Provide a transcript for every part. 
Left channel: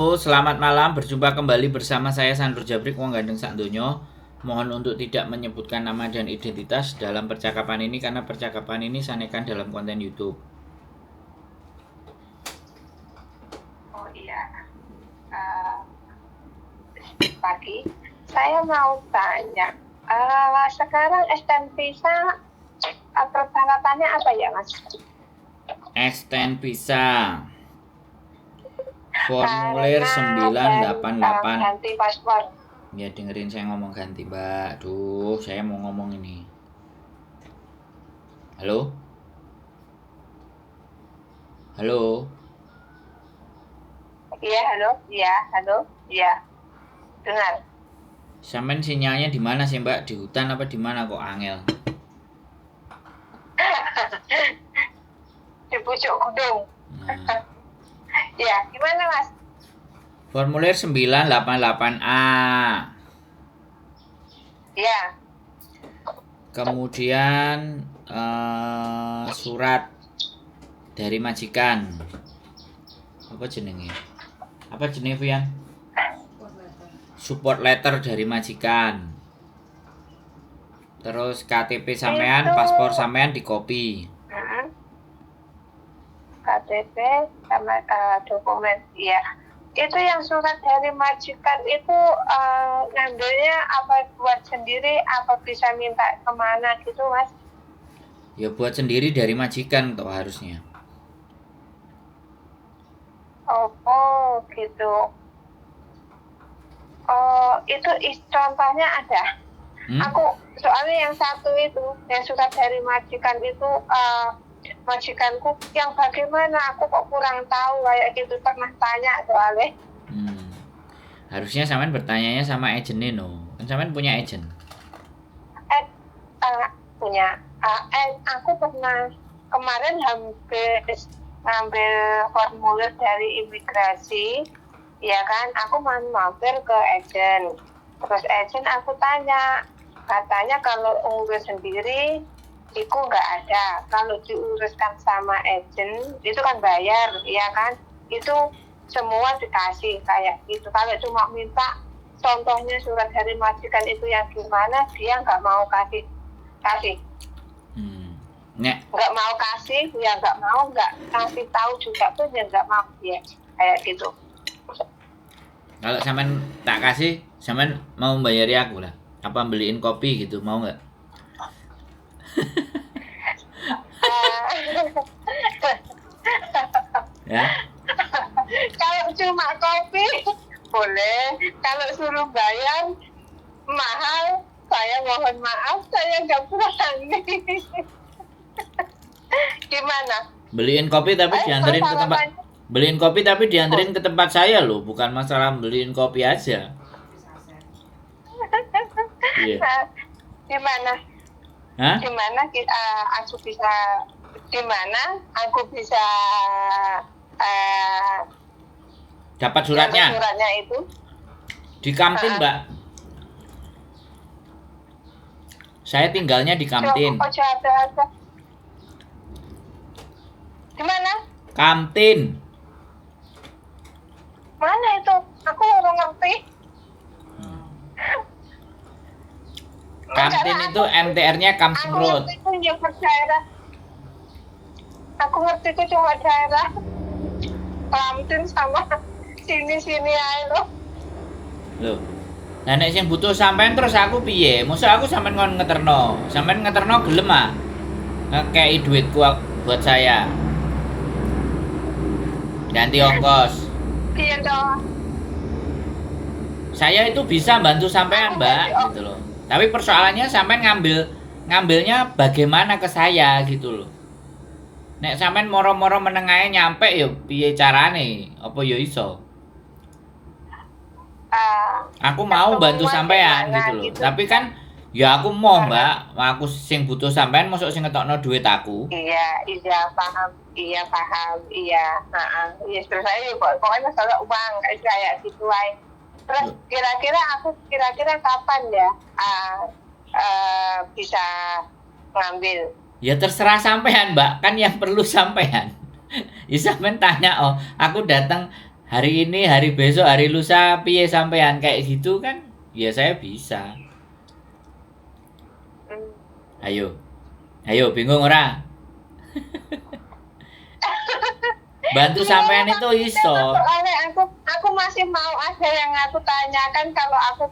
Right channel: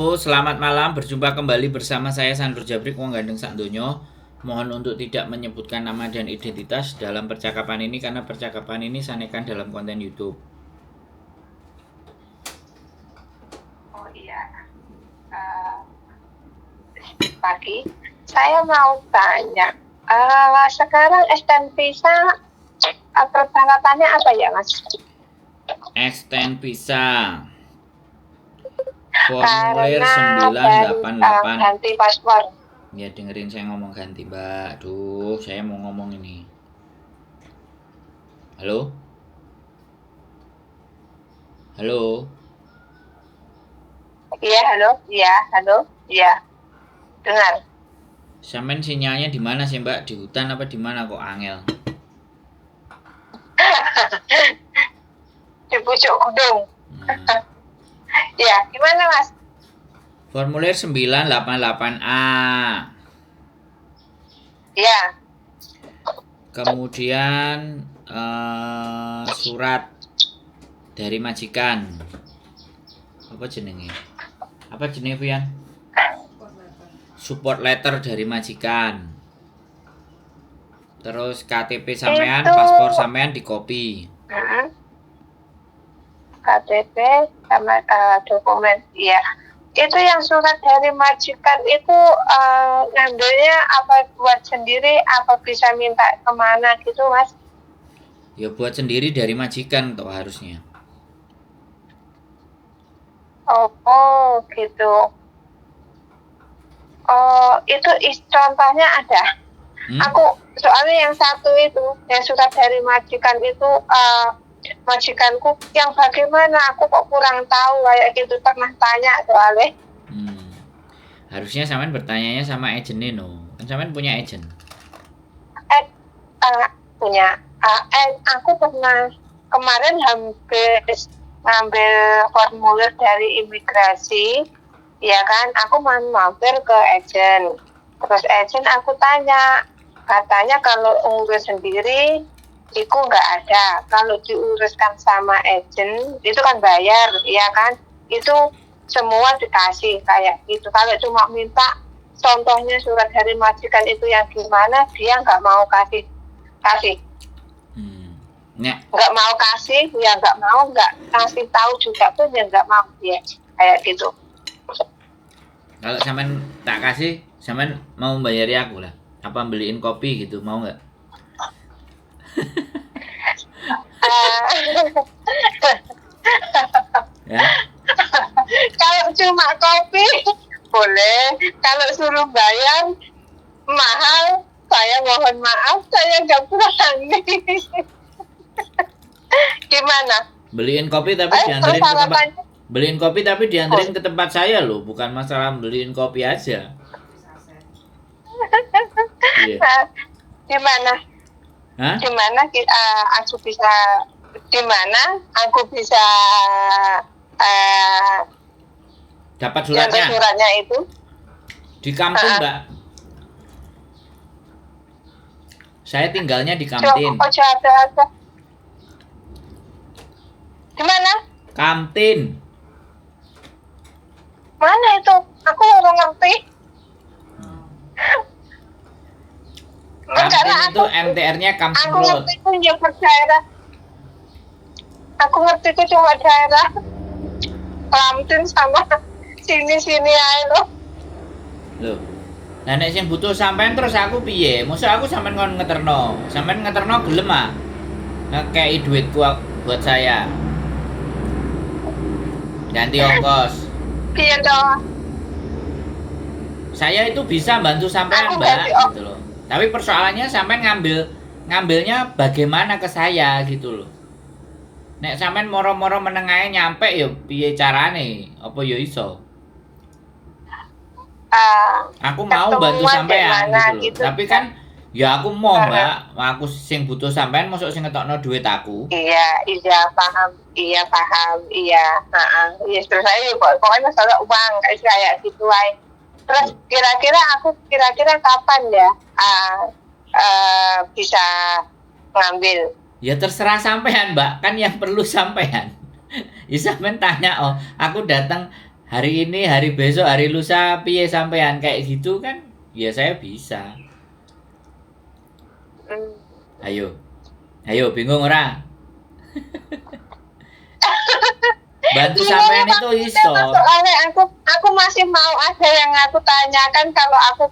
Selamat malam, berjumpa kembali bersama saya Sandro Jabrik wong gandeng sak donya. Mohon untuk tidak menyebutkan nama dan identitas dalam percakapan ini karena percakapan ini sanekan dalam konten YouTube. Oh iya, pagi. Saya mau tanya, sekarang STN Visa persyaratannya apa ya, Mas? STN Visa formulir 988. Ganti paspor. Ya dengerin saya ngomong ganti, Mbak. Aduh, saya mau ngomong ini. Halo? Halo? Iya, halo. Iya, halo. Iya. Dengar. Sampean sinyalnya di mana sih, Mbak? Di hutan apa di mana kok angel? Di pucuk gunung. Nah, Ya, gimana, Mas? formulir 988A. Ya, Kemudian surat dari majikan. Apa jenenge? Apa jenenge, Vian? Support letter dari majikan. Terus KTP sampean, Itu- paspor sampean di copy. KTP sama dokumen. Iya. Itu yang surat dari majikan itu ngambilnya apa buat sendiri, apa bisa minta kemana gitu, Mas? Ya buat sendiri dari majikan toh harusnya. Oh gitu. Oh, itu contohnya ada. Aku soalnya yang satu itu, yang surat dari majikan itu majikanku yang bagaimana, aku kok kurang tahu kayak gitu, pernah tanya soalnya. Harusnya sampean bertanyanya sama agennya no. Kan sampean punya agent. Punya. Aku pernah kemarin habis ngambil formulir dari imigrasi, ya kan, aku mampir ke agent. Terus agent aku tanya, katanya kalau urus sendiri itu nggak ada. Kalau diuruskan sama agent itu kan bayar, ya kan? Itu semua dikasih kayak gitu. Kalau cuma minta contohnya surat dari majikan itu yang gimana, dia nggak mau kasih. Nggak mau kasih, ya nggak mau, nggak kasih tahu juga pun ya nggak mau, ya kayak gitu. Kalau sampean tak kasih, sampean mau bayari aku lah. Apa beliin kopi gitu, mau nggak? Ya. Kalau cuma kopi boleh, kalau suruh bayar mahal, saya mohon maaf, saya nggak berani. Gimana? Beliin kopi tapi dianterin ke tempat. Beliin kopi tapi dianterin ke tempat saya loh, bukan masalah beliin kopi aja. Iya. Gimana? Hah? Gimana aku bisa? Gimana aku bisa Dapat suratnya? Suratnya itu Di kantin, Mbak. Saya tinggalnya di kantin. Oh, ada. Gimana? Kantin. Mana itu? Aku nggak ngerti. Kantin itu MTR-nya Kamseng Road. Aku ngerti itu yang daerah. Aku ngerti itu cuma daerah Kantin sama sini aja loh. Loh. Lah nek sing butuh sampean terus aku piye? Mosok aku sampean ngon ngeterno. Sampean ngeterno gelem ah. Ngekei duitku buat saya. Ganti ongkos. Iya dong. Saya itu bisa bantu sampean, Mbak, gitu loh. Tapi persoalannya sampean ngambilnya bagaimana ke saya gitu loh. Nek sampean moro-moro menengahe nyampe ya piye carane? Apa ya iso? Aku mau bantu sampean gitu loh. Tapi kan ya aku mau, Mbak. Aku sing butuh sampean mosok sing ngetokno duit aku. Iya, paham. Iya. Iya, terus saya pokoknya masalah uang kayak gitu aja. Terus kira-kira kapan ya bisa ngambil? Ya terserah sampean, Mbak. Kan yang perlu sampean. Ya sampean tanya, oh, aku datang hari ini, hari besok, hari lusa piye sampean kayak gitu kan? Ya saya bisa. Hmm. Ayo. Ayo, bingung ora? Bantu sampean itu iso. Soalnya aku masih mau ada yang aku tanyakan kalau aku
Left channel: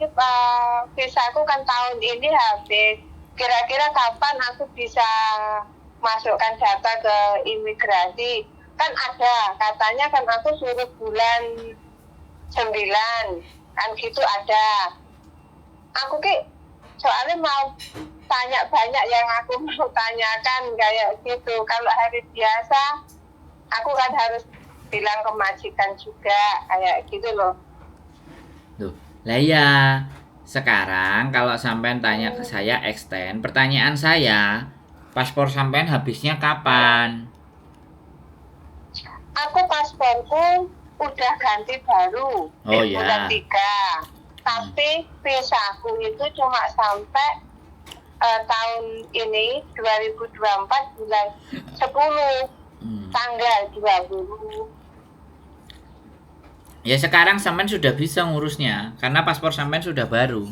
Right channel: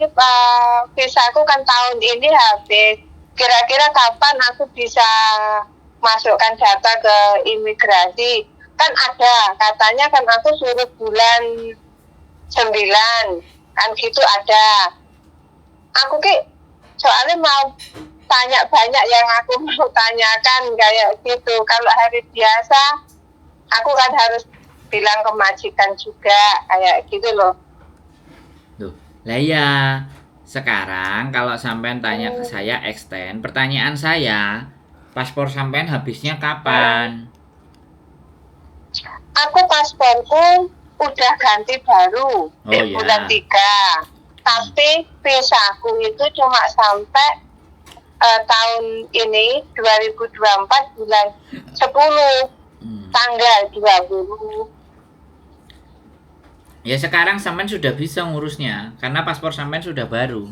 visaku kan tahun ini habis. Kira-kira kapan aku bisa masukkan data ke imigrasi? Kan ada katanya kan aku suruh bulan 9 kan gitu ada. Aku soalnya mau tanya banyak yang aku mau tanyakan kayak gitu. Kalau hari biasa aku kan harus bilang ke majikan juga kayak gitu loh. Tuh, lah ya. Sekarang kalau sampean tanya ke saya extend, pertanyaan saya, paspor sampean habisnya kapan? Aku pasporku udah ganti baru di iya. bulan 3. Tapi visaku itu cuma sampai tahun ini 2024 bulan 10 tanggal 20. Ya sekarang sampean sudah bisa ngurusnya karena paspor sampean sudah baru.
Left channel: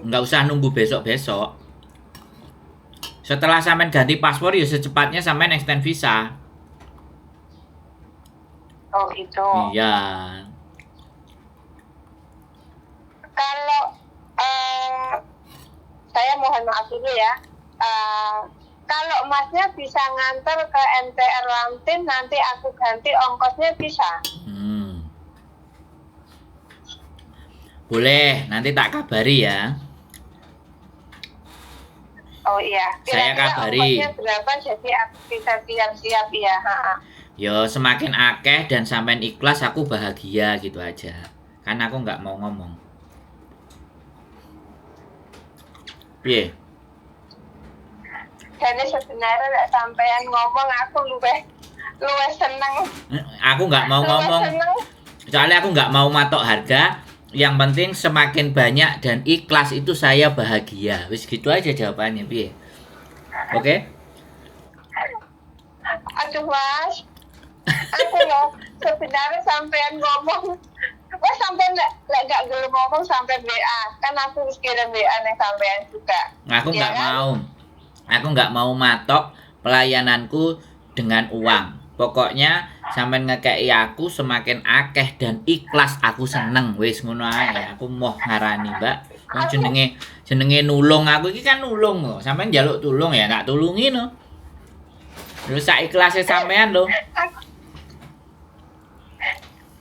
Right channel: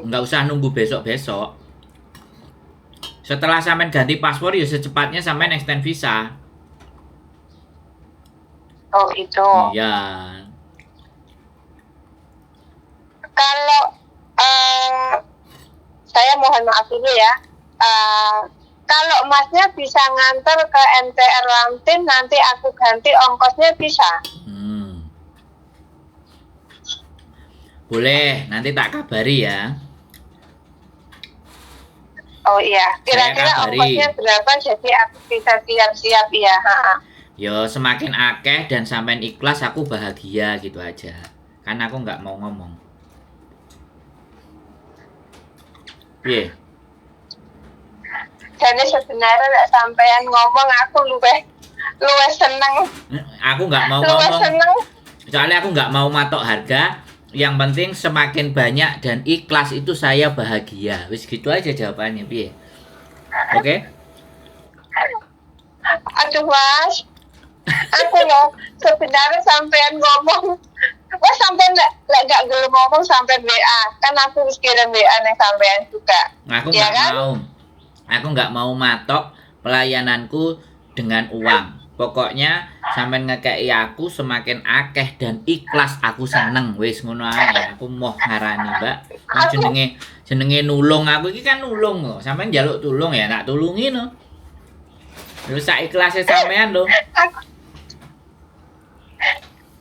Nggak usah nunggu besok-besok. Setelah sampean ganti paspor ya secepatnya sampean extend visa. Oh itu. Iya. Kalau saya mohon maaf dulu ya. Kalau masnya bisa nganter ke MTR Lamtin, nanti aku ganti ongkosnya bisa. Boleh, nanti tak kabari ya. Oh iya, Saya kira-kira kabari. ongkosnya berapa jadi aku bisa siap-siap ya. Yo semakin akeh dan sampean ikhlas aku bahagia gitu aja. Kan aku nggak mau ngomong. Piye? Jadi sebenarnya nek sampean ngomong aku luwih seneng. Aku nggak mau ngomong. Soalnya aku nggak mau matok harga. Yang penting semakin banyak dan ikhlas itu saya bahagia. Wis gitu aja jawabannya, piye? Oke? Aduh Mas, aku loh sebenarnya sampean ngomong. Wah sampean lek gak gelem ngomong sampean WA. Kan aku wis kirim WA ning sampean juga. Aku Ya nggak kan? mau. Aku nggak mau matok pelayananku dengan uang. Pokoknya sampean ngekei aku semakin akeh dan ikhlas aku seneng. Wis ngono ae. Aku moh ngarani, Mbak. Wong jenenge nulung aku iki kan nulung kok. Sampean njaluk tulung ya tak tulungi no. Terus sak ikhlase sampean lho.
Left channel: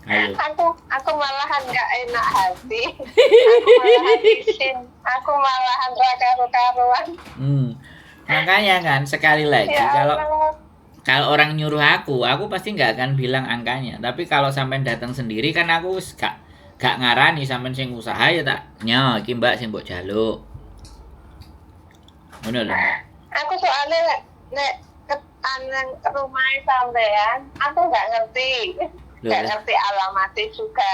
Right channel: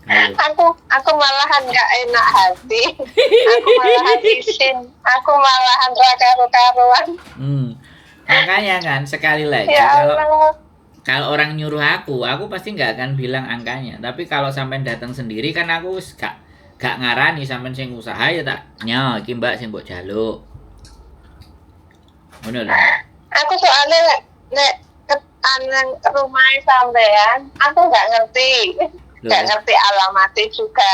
Ayo. Aku malahan gak enak hati. Aku malahan isin. Aku malahan ra karo-karuan. Makanya kan sekali lagi Ya Allah. kalau orang nyuruh aku pasti nggak akan bilang angkanya. Tapi kalau sampean datang sendiri kan aku gak ngarani sampean sing usaha ya tak nyo iki Mbak sing mbok jaluk. Ngono lho. Aku soalnya nek ke rumah sampean, aku gak ngerti. Gak ngerti alamatnya juga.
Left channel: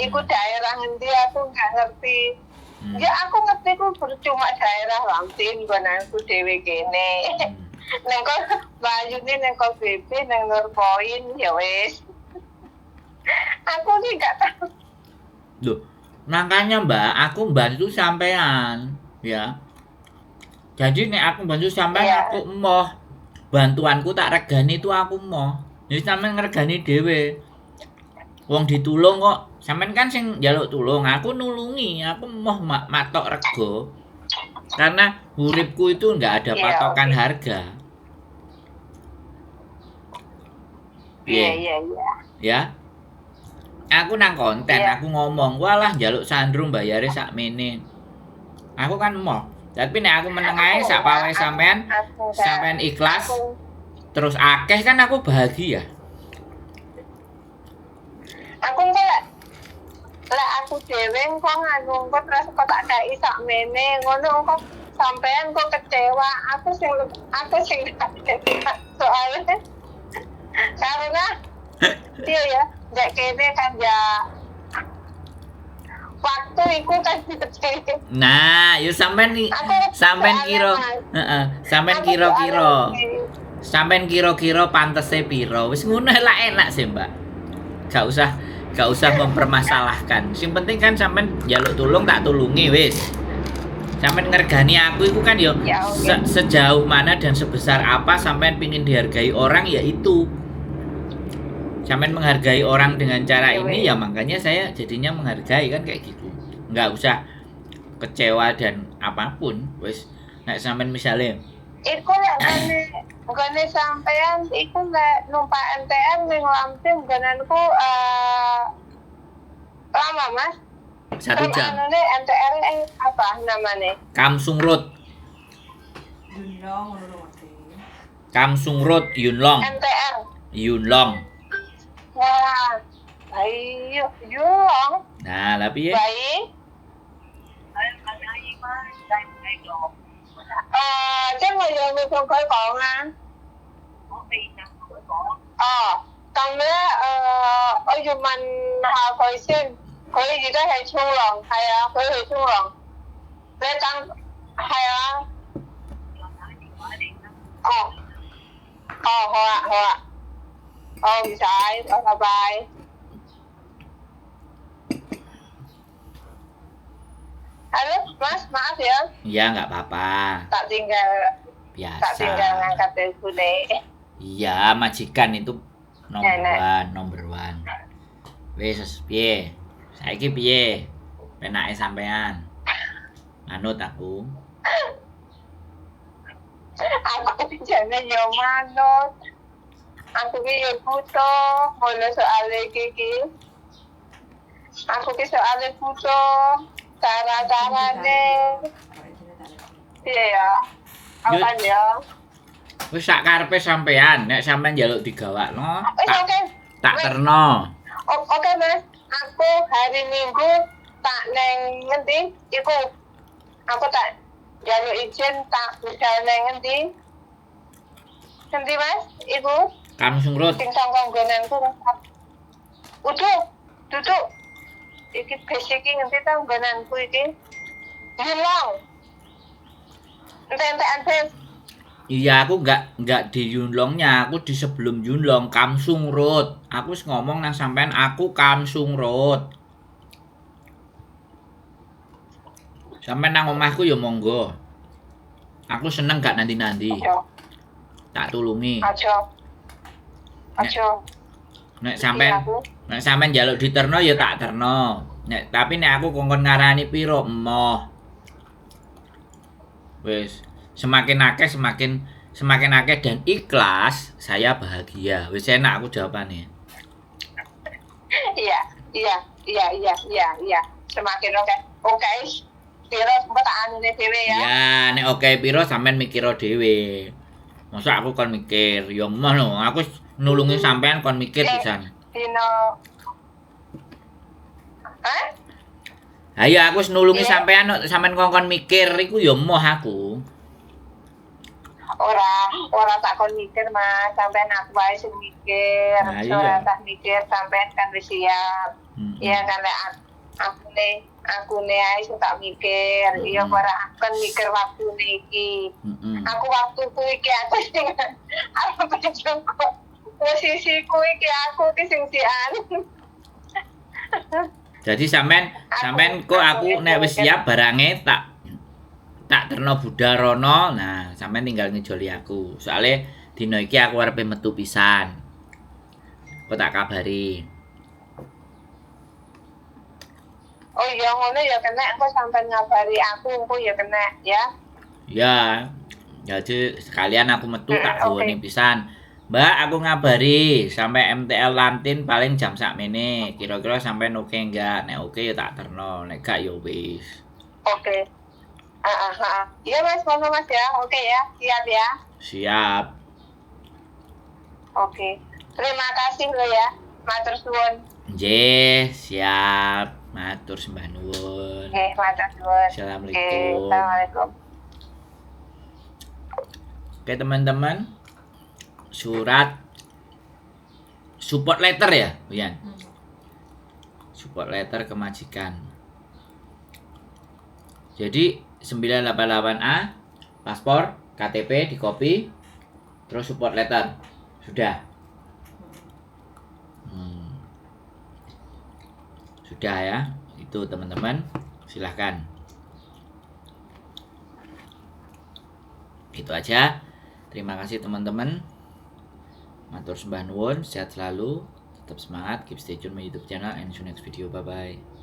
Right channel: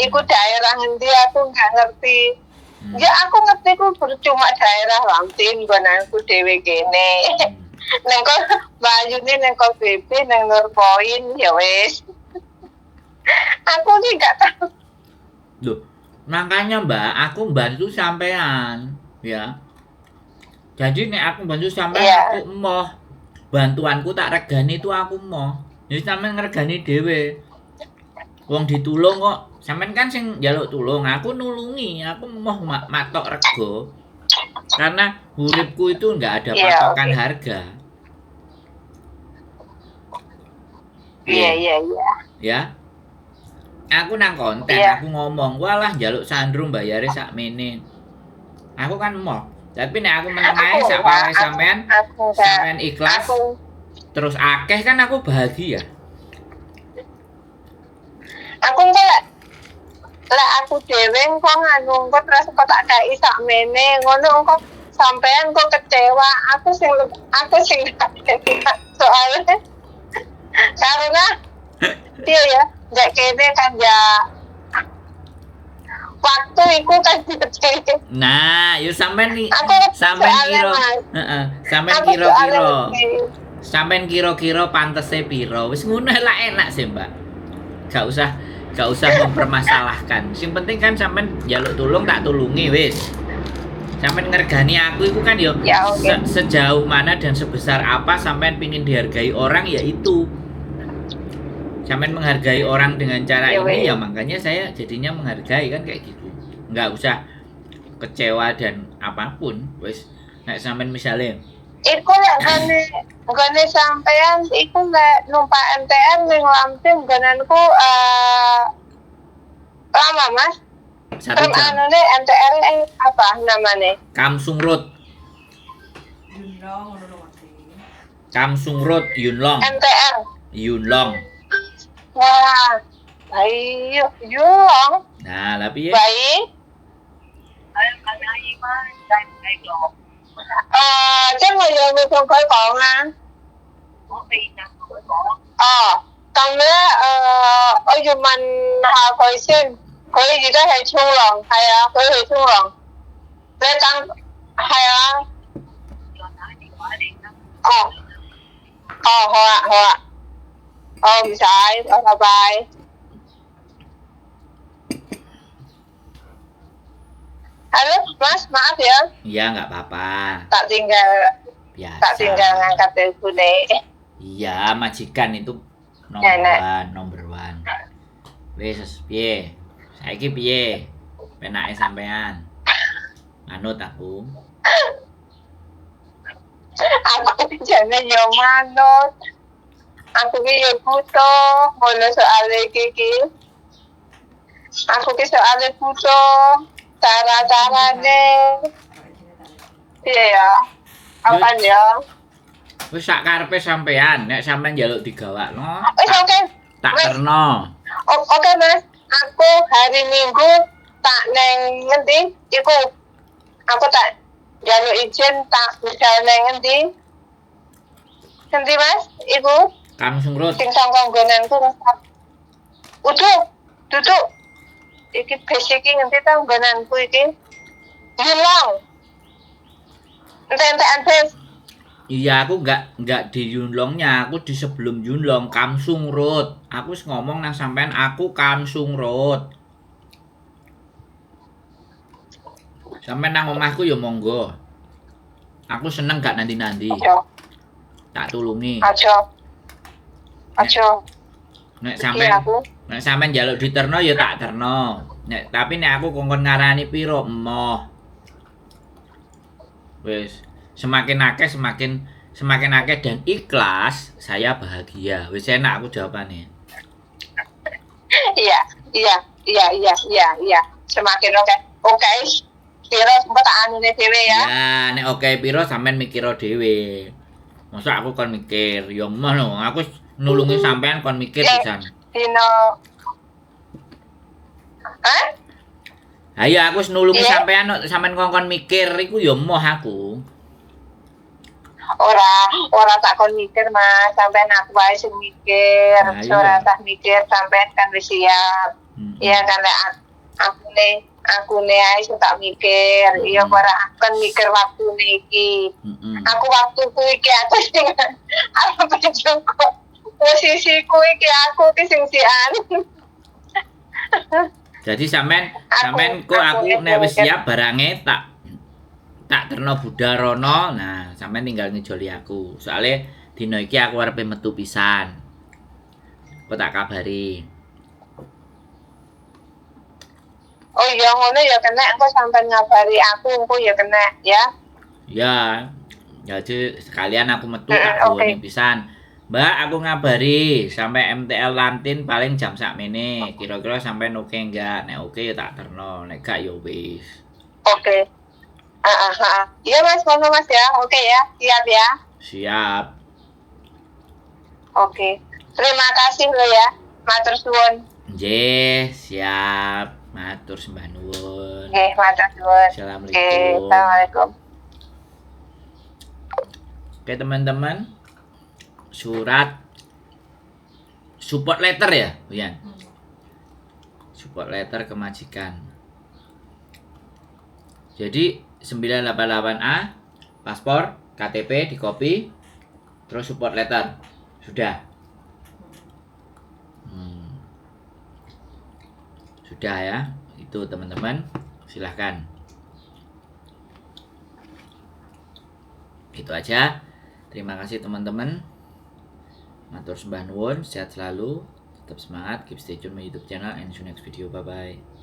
Iku daerah ngendi aku gak ngerti. Ya aku ngerti ku percuma daerah Lamtin gonanku dhewe kene. Neng kok bayune neng kok BB neng Nurpoint ya wis. Aku sih gak tahu. Loh, makanya Mbak, aku bantu sampean, ya. Jadi nek aku bantu sampean aku emoh. Bantuanku tak regani itu aku emoh. Jadi sampean ngregani dhewe. Wong ditulung kok. Sampean kan sing njaluk tulung, aku nulungi, aku emoh matok rego. Karena uripku itu enggak ada patokan harga. Iya. Ya. Aku nang konten, aku ngomong, walah njaluk sandrum bayare sakmene. Aku kan emoh. Tapi nek aku meneng ae sak pawe sampean ikhlas. Terus akeh kan aku bahagia. Aku enggak lah aku dhewe kok nganu kok terus kok tak kei sakmene ngono kok sampean kok kecewa. Aku sing soalnya karena dia ya nggak kene kan ya waktu itu kan kecil. Nah, yuk sampean nih, sampean kira, sampean kira-kira. Sampeyan kira-kira pantese piro? Wis ngono lah enak sih, Mbak. Gak usah mempermasalahkan. Sing penting kan sampean njaluk tulung tak tulungi wis. Sampean ngergani aku itu kan yo Ya, oke. sejauh mana dan sebesar apa sampean pingin dihargai orang ya itu. Sampean menghargai orang dengan cara Ya, ini wes. ya makanya saya jadinya menghargai kan kayak gitu. Nggak usah kecewa dan apapun wis. Nek sampean misalnya Iku nek gone sampean iku nek numpak MTR ning Lampung gonanku lama Mas. 1 Terus jam. anune MTR apa namanya? Kamsung Road. Kamsung Road Yunlong. MTR. Yunlong. Wah. Ayo, Yulong. Nah, tapi ya Baik. Chắc là giờ mình không khởi còn à? Còn nữa, ở dù mình họ khởi xin, khởi gì đó hay chung lòng, hay à, khởi thì chung lòng. Để tăng, hay à? Không sai, bye bye. Halo, Mas, maaf ya, ya nggak apa-apa. tak tinggal Biasa. ngangkat telepon deh. Iya, majikan itu number one. Wis piye? Saiki piye? Penake sampean. Manut aku. Aku jangan yo manut. Aku ki yo butuh ngono soal iki. Aku ki soal butuh cara-carane. Iya ya. Apa ya? Wis sak karepe sampean, nek sampean njaluk digawakno, Oke. tak Wes. terno. Oke, Mas. Aku hari Minggu tak neng ngendi? Iku. Aku tak jaluk izin tak bisa neng ngendi? Ngendi, Mas? Iku. Kamsung Road. Sing sangkong gonanku Mas. Duduk. Iki basic iki ngendi ta gonanku iki? Hilang. Entek-entekan bes. Iya, aku nggak di Yunlongnya, aku di sebelum Yunlong, Kamsung Road. Aku wis ngomong nang sampean aku Kamsung Road. Sampean nang omahku ya monggo. Aku seneng gak nanti-nanti. Aja. Tak tulungi. Aja. Nek Iya, aku. sampean njaluk diterno ya tak terno. Tapi nek aku kongkon ngarani piro emoh. Wis, semakin akeh dan ikhlas, saya bahagia. Wis enak aku jawabannya. Iya. Semakin oke. Oke. Kira sempat tak anune dhewe ya. Ya, nek oke piro sampean mikiro dhewe. Masa aku kon mikir, ya emoh lho, aku nulungi sampean kon mikir pisan. Dino. Hah? Ayo aku wis nulungi Iya. sampean kongkon mikir iku ya emoh aku. Ora tak kon mikir Mas, sampean aku wae sing mikir. Nah, iya. Ora tak mikir sampean kan wis siap. Iya kan lek aku ne ae sing tak mikir. Iya ora akan mikir waktune iki. Aku waktuku iki aku sing arep njungkuk. Posisiku iki aku ki sing sian. Jadi sampean kok aku nek wis siap barange tak terno budal rono. Nah, sampean tinggal ngejoli aku. Soale dina iki aku arepe metu pisan. Kok tak kabari. Oh iya ngono ya kena engko sampean ngabari aku engko ya kena ya. Ya. Jadi sekalian aku metu tak Oke. gawani pisan. Mbak, aku ngabari sampai MTL Lantin paling jam sakmene. Kira-kira sampean oke enggak? Nek oke ya tak terno, nek gak ya wis. Oke. Iya Mas, ngono Mas ya. Oke ya, siap ya. Siap. Oke. Terima kasih lo ya. Matur suwun. Nggih, siap. Matur sembah nuwun. Oke, matur suwun. Oke, Assalamualaikum. Assalamualaikum. Oke teman-teman, surat support letter ya, Uyan. Support letter ke majikan. Jadi 988A, paspor, KTP di copy, Terus support letter. Sudah. Sudah ya. Itu teman-teman. Silahkan. Gitu aja. Terima kasih teman-teman. Matur sembah nuwun, sehat selalu, tetap semangat, keep stay tune my YouTube channel and see you next video. Bye bye.